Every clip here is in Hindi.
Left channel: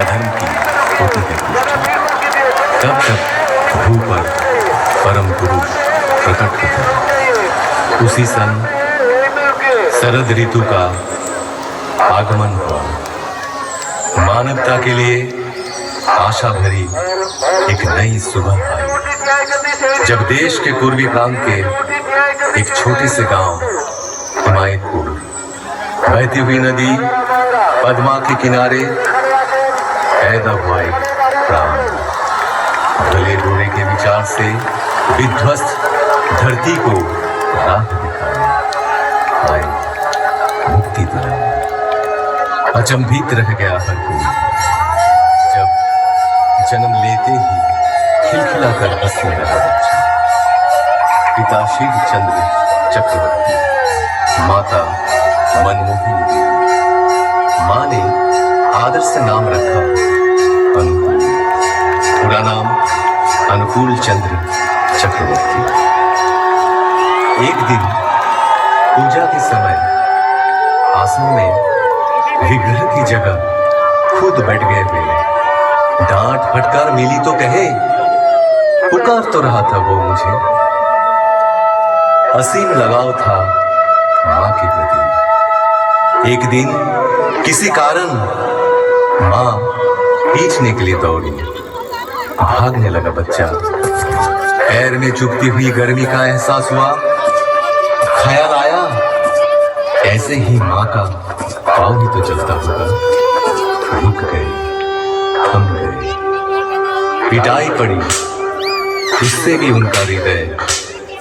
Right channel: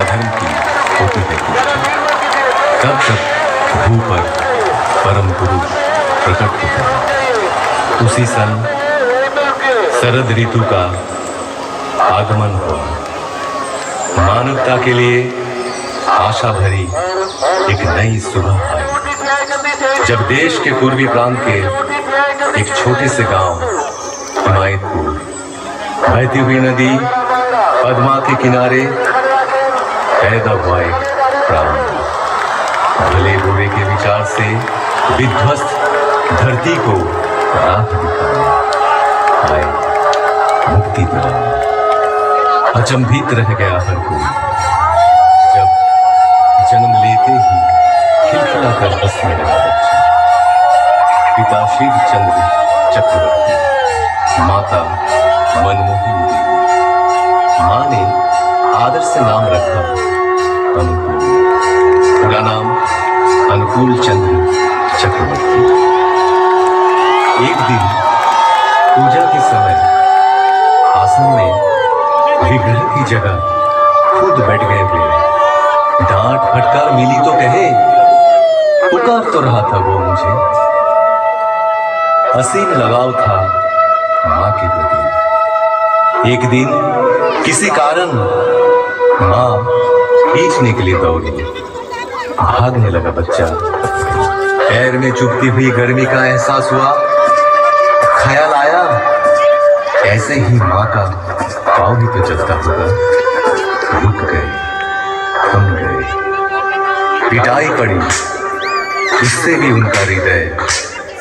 अधर्म की होती रहती है। तब तक भू पर परम गुरु प्रकट हुआ। उसी सन शरद ऋतु का आगमन हुआ। मानवता के लिए आशा भरी एक नई सुबह आई, जब देश के पूर्वी प्रांत के एक छोटे से गांव हिमायतपुर बहती हुई नदी पद्मा के किनारे पैदा हुआ एक प्राण। भले बुरे के विचार से विध्वस्त धरती को राह दिखाने आए मुक्ति दिलाने। अचंभित रह गया हर कोई जब जन्म लेते ही खिलखिला कर हंसने लगा बच्चा। पिता शिव चंद्र चक्रवर्ती, माता मनमोहन देवी। माँ ने आदर से नाम रखा अनुकूल, पूरा नाम अनुकूल चंद्र चक्रवर्ती। एक दिन पूजा के समय आसन में विग्रह की जगह खुद बैठ गए वे। डांट फटकार मिली तो कहे, पुकार तो रहा था वो मुझे। असीम लगाव था माँ के प्रति। एक दिन किसी कारण माँ खींचने के लिए दौड़ी। भागने लगा बच्चा। पैर में चुभती हुई गर्मी का एहसास हुआ। ख्याल आया, ऐसे ही माँ का पाँव ही तो चलता होगा। रुक गए, थम गए। पिटाई पड़ी, उससे भी उनका हृदय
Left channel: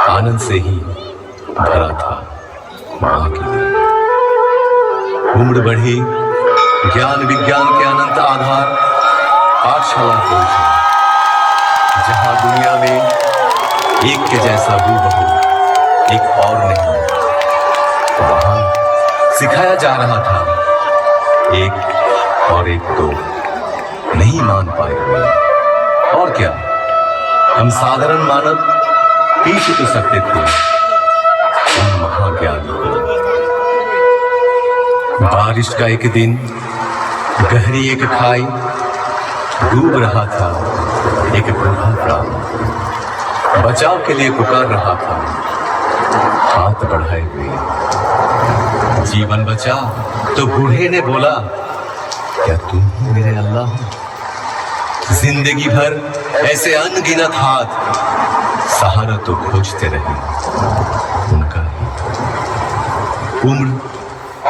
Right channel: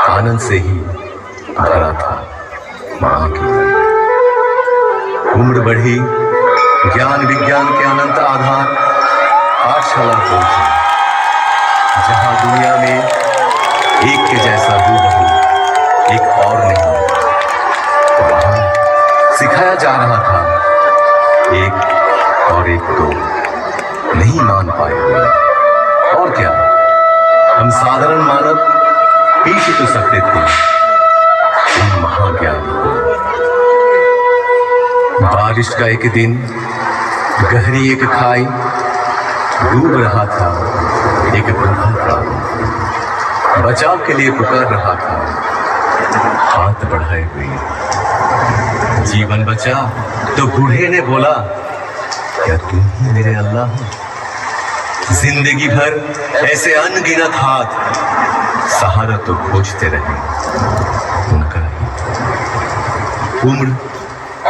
आनंद से ही भरा था। माँ की उम्र बढ़ी, ज्ञान विज्ञान के अनंत आधार पाठशाला पहुंचे, जहां दुनिया में एक के जैसा हूबहू एक और नहीं। वहां सिखाया जा रहा था एक और एक को नहीं मान पाए हुए। और क्या, हम साधारण मानव पीछ तो सकते थे, हम महाज्ञानी। बारिश का एक दिन गहरी एक खाई, डूब रहा था एक बूढ़ा प्राणी। बचाव के लिए पुकार रहा था हाथ बढ़ाए हुए। जीवन बचा तो बूढ़े ने बोला, क्या तुम ही मेरे अल्लाह हो? जिंदगी भर ऐसे अनगिनत हाथ सहारा तो खोजते रहे उनका ही। उम्र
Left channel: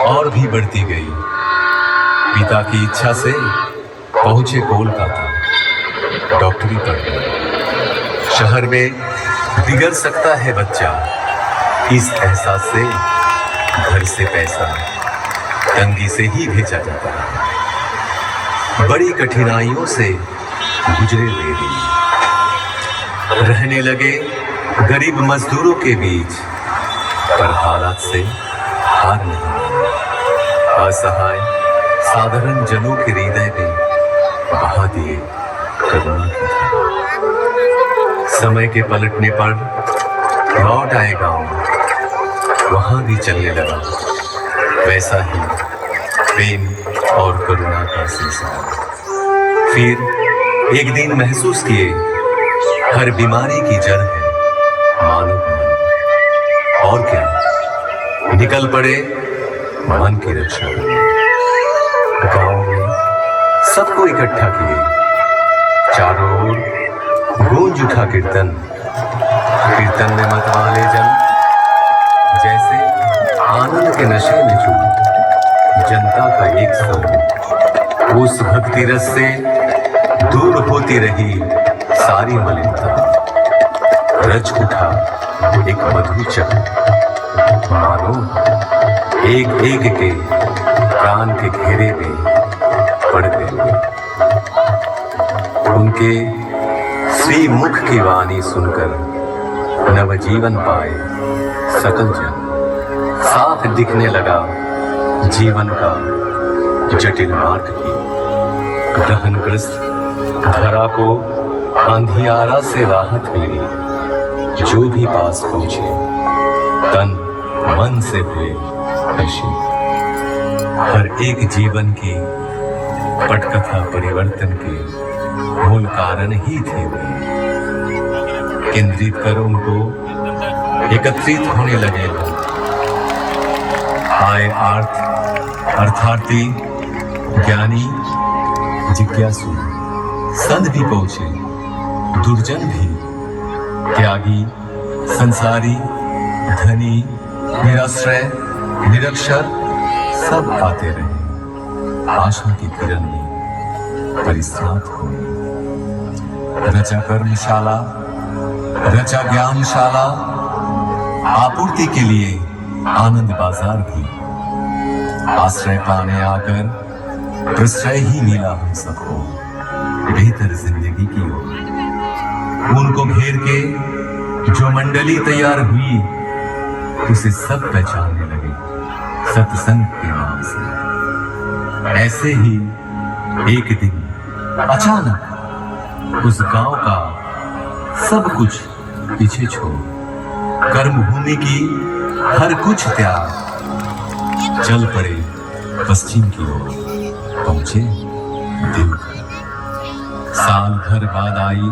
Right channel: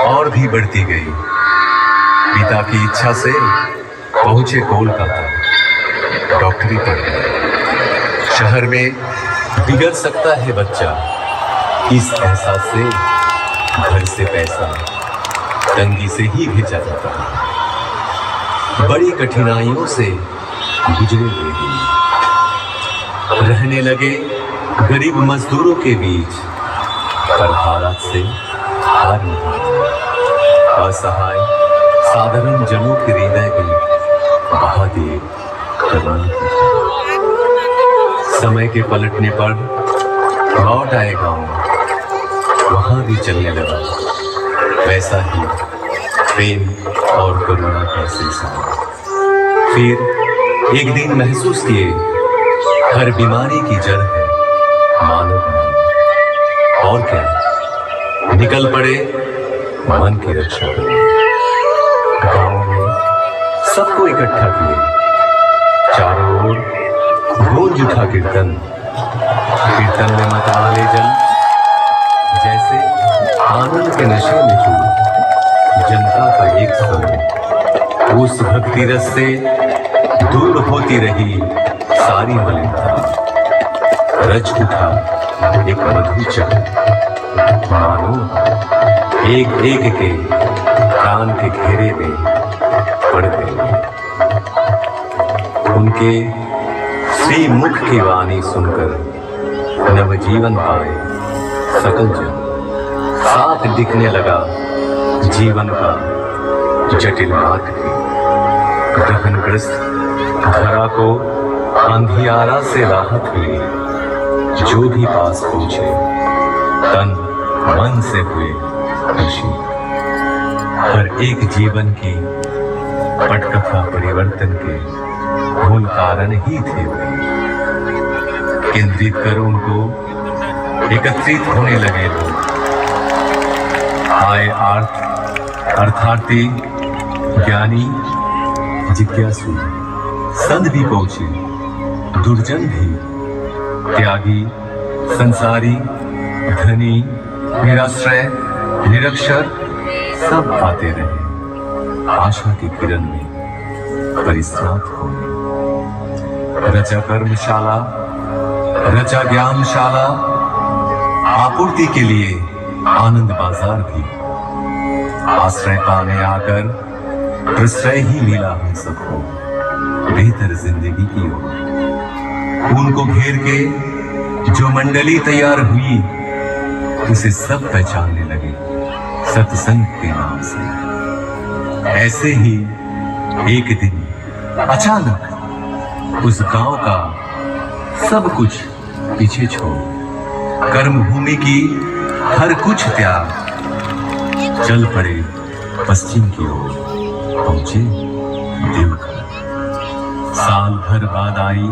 और भी बढ़ती गई। पिता की इच्छा से पहुंचे कोलकाता, डॉक्टरी पढ़ने। शहर में बिगड़ सकता है बच्चा, इस एहसास से घर से पैसा तंगी से ही भेजा जाता है। बड़ी कठिनाइयों से गुजरे वे दिन। रहने लगे गरीब मजदूरों के बीच, पर हालात से हार नहीं। असहाय साधारण जनों के हृदय में बहा दिए करुणा की धारा। समय के पलटने पर लौट आए गांव। वहां भी चलने लगा वैसा ही प्रेम और करुणा का सिलसिला। फिर एक दिन महसूस किए, हर बीमारी की जड़ है मानव मन। और क्या, निकल पड़े मन की रक्षा करने। गांव में सबको इकट्ठा किए, चारों ओर गूंज उठा कीर्तन। कीर्तन में मतवाले जन जैसे आनंद के नशे में चूर। जनता का एक समूह उस भक्ति रस से दूर होती रही सारी मलिनता। रच उठा एक मधुर चक्र, मानो एक एक के प्राण के घेरे में पड़ गए। उनके श्री मुख की वाणी सुनकर नवजीवन पाए सकल जन। साफ दिखने लगा जीवन का जटिल मार्ग भी। ग्रहणग्रस्त धरा को अंधियारा से राहत मिली। जो भी पास पहुंचे तन मन से हुए खुशी। हर एक जीवन की पटकथा परिवर्तन के मूल कारण ही थे वे। केंद्रित कर उनको एकत्रित होने लगे लोग। आए अर्थार्थी, ज्ञानी, जिज्ञासु, संत भी पहुंचे, दुर्जन भी, त्यागी, संसारी, धनी, निराश्रय, निरक्षर, सब आते रहे आशा की किरण में परिस्नात होने। रचा कर्मशाला, रचा ज्ञानशाला, आपूर्ति के लिए आनंद बाजार भी। आश्रय पाने आकर प्रश्रय ही मिला हम सबको बेहतर जिंदगी की ओर। उनको घेर के जो मंडली तैयार हुई उसे सब पहचानने लगे सत्संग के नाम से। ऐसे ही एक दिन अचानक उस गांव का सब कुछ पीछे छोड़ कर्मभूमि की हर कुछ त्याग चल पड़े पश्चिम की ओर, पहुंचे देवघर। साल भर बाद आई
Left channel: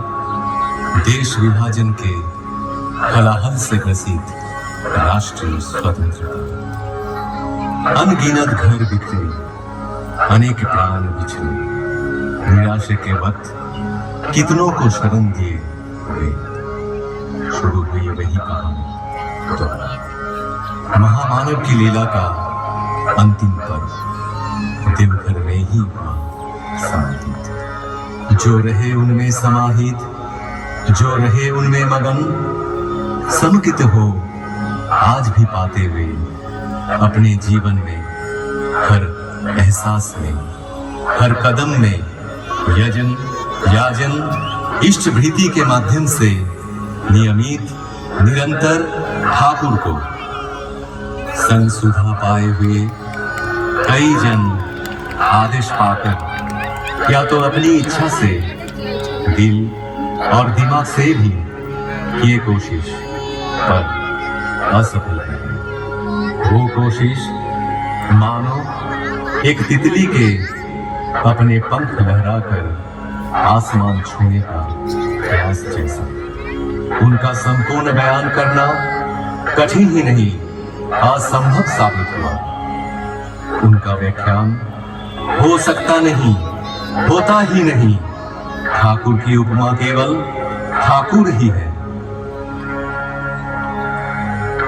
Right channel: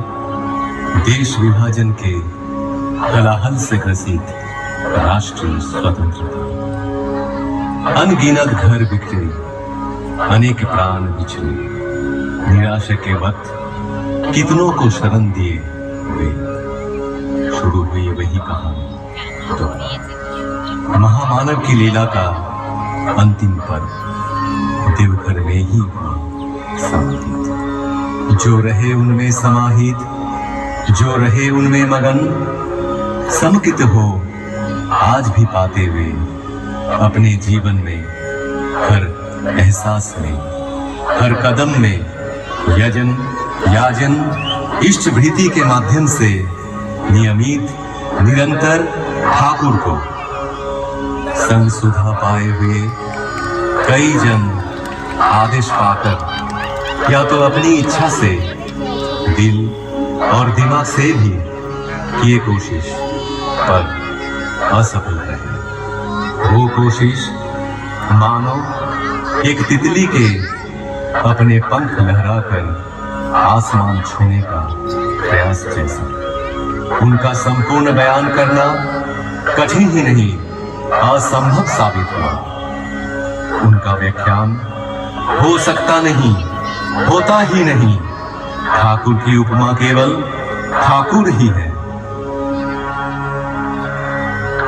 देश विभाजन के हलाहल से ग्रसित राष्ट्रीय स्वतंत्रता। अनगिनत घर बिखरे, अनेक प्राण बिछड़े, निराशा के वक्त कितनों को शरण दिए हुए। शुरू हुई वही कहानी दोबारा। महामानव की लीला का अंतिम पर्व देवघर में ही हुआ समाहित। जो रहे उनमें समाहित, जो रहे उनमें मगन, समुचित हो आज भी पाते हुए अपने जीवन में हर एहसास में, हर कदम में यजन, याजन, इष्ट भृति के माध्यम से नियमित निरंतर ठाकुर को संग सुधा पाए हुए कई जन आदेश पाकर या तो अपनी इच्छा से, दिल और दिमाग से भी किए कोशिश पर असफल रहे। वो कोशिश मानो एक तितली के अपने पंख लहराकर आसमान छूने का प्रयास जैसा। उनका संपूर्ण बयान करना कठिन ही नहीं असंभव साबित हुआ। उनका व्याख्यान हो सकता नहीं, होता ही नहीं। ठाकुर की उपमा केवल ठाकुर ही है।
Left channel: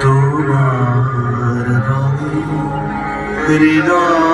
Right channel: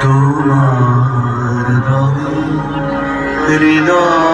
तुम्हार हृदय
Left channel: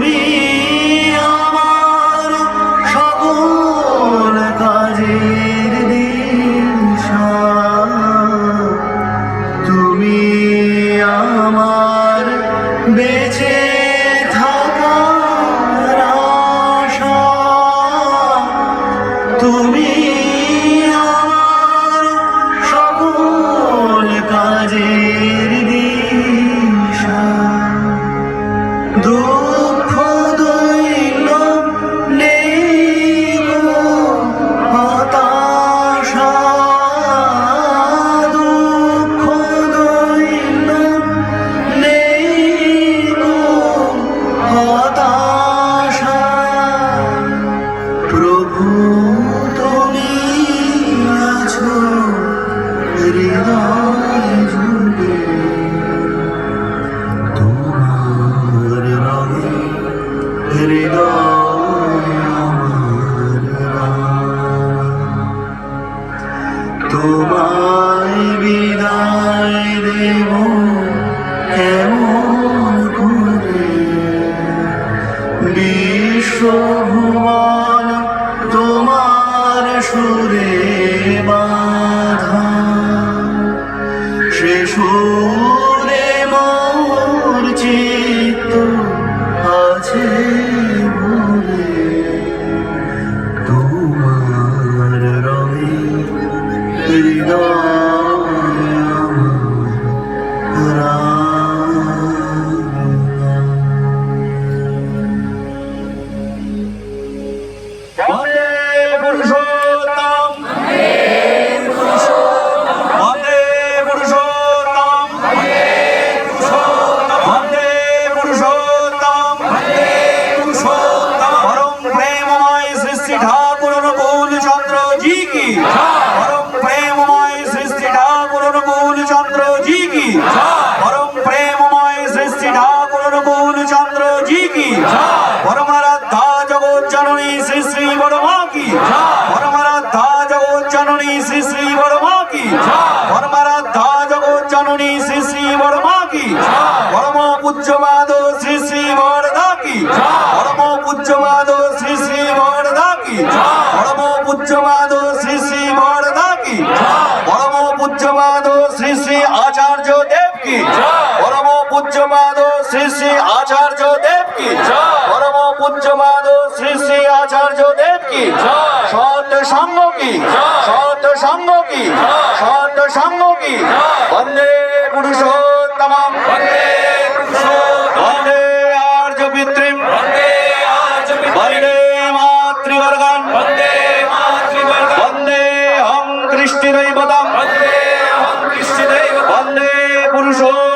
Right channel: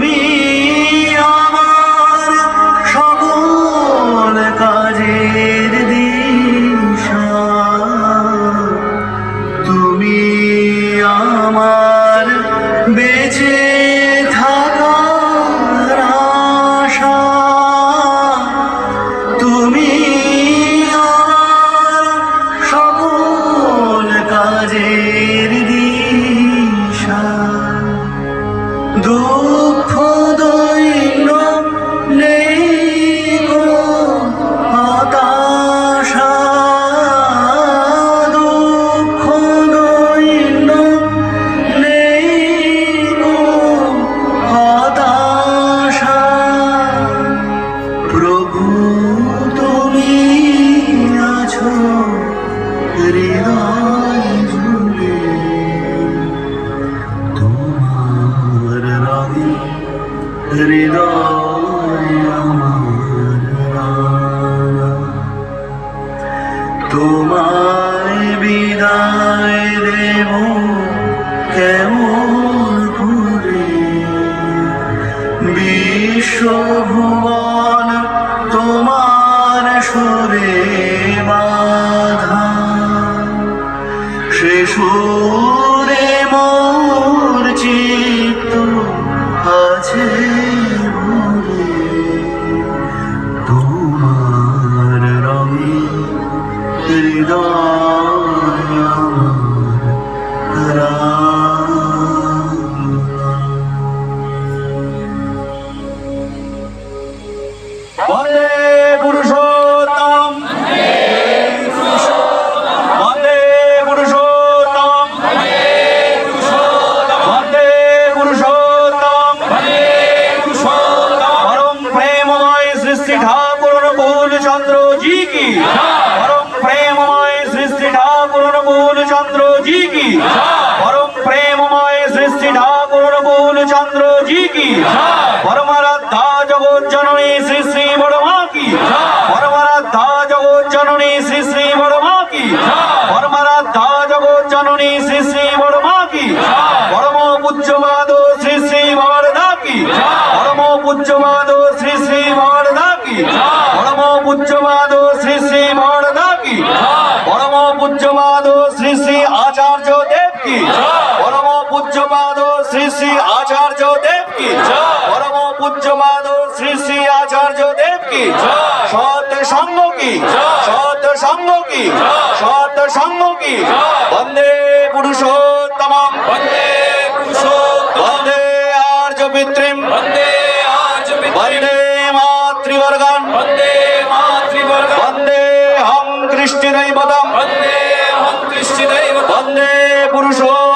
তুমি আমার সকল কাজের দিশা, তুমি আমার বেঁচে থাকার আশা, তুমি আমার সকল কাজের দিশা। দুঃখ দৈন্য নেই গো হতাশা, দুঃখ দৈন্য নেই গো হতাশা। প্রভু তুমি আছো হৃদয় জুড়ে, তোমার রঙে হৃদয় আমার রাঙা। তোমায় বিদায় দেব কেমন করে, বিশ্বভুবন তোমার সুরে বাঁধা, সে সুরে মোর চিত্ত আছে ভরে, তোমার রঙে হৃদয় আমার রাঙা। বন্দে পুরুষোত্তম, বন্দে পুরুষোত্তম, বন্দে পুরুষোত্তম, পরম প্রেমময় শ্রী ঠাকুর অনুকূল চন্দ্র জি কি, পরম প্রেমময় শ্রী ঠাকুর অনুকূল চন্দ্র জি কি, পরম প্রেমময় শ্রী ঠাকুর অনুকূল চন্দ্র জি কি, পরমারাধ্যা জগৎ জননী শ্রী শ্রী বড়মা কি, পরমারাধ্যা জগৎ জননী শ্রী শ্রী বড়মা কি, পরমারাধ্যা জগৎ জননী শ্রী শ্রী বড়মা কি, পরম পূজ্যমাদ শ্রী শ্রী বরদা কি, পরম পূজ্যমাদ শ্রী শ্রী বরদা কি, পরম পূজ্যমাদ শ্রী শ্রী বরদা কি, পরম পূজ্যমাদ শ্রী শ্রী আচার্য দেব কি, পরম পূজ্যমাদ শ্রী শ্রী আচার্য দেব কি, পরম পূজ্যমাদ শ্রী শ্রী আচার্য দেব কি, সৎ সঙ্গ কি, সৎ সঙ্গ কি, সৎ সঙ্গ কি। বন্দে পুরুষোত্তম, বন্দে পুরুষোত্তম, বন্দে আর্য পিতৃম, বন্দে আর্য পিতৃম, বন্দে মাতৃবর্গম, বন্দে মাতৃবর্গম, বন্দে হং কৃষ্ণ দৈবতম, বন্দে হং কৃষ্ণ দৈবতম, বন্দে পুরুষোত্তম।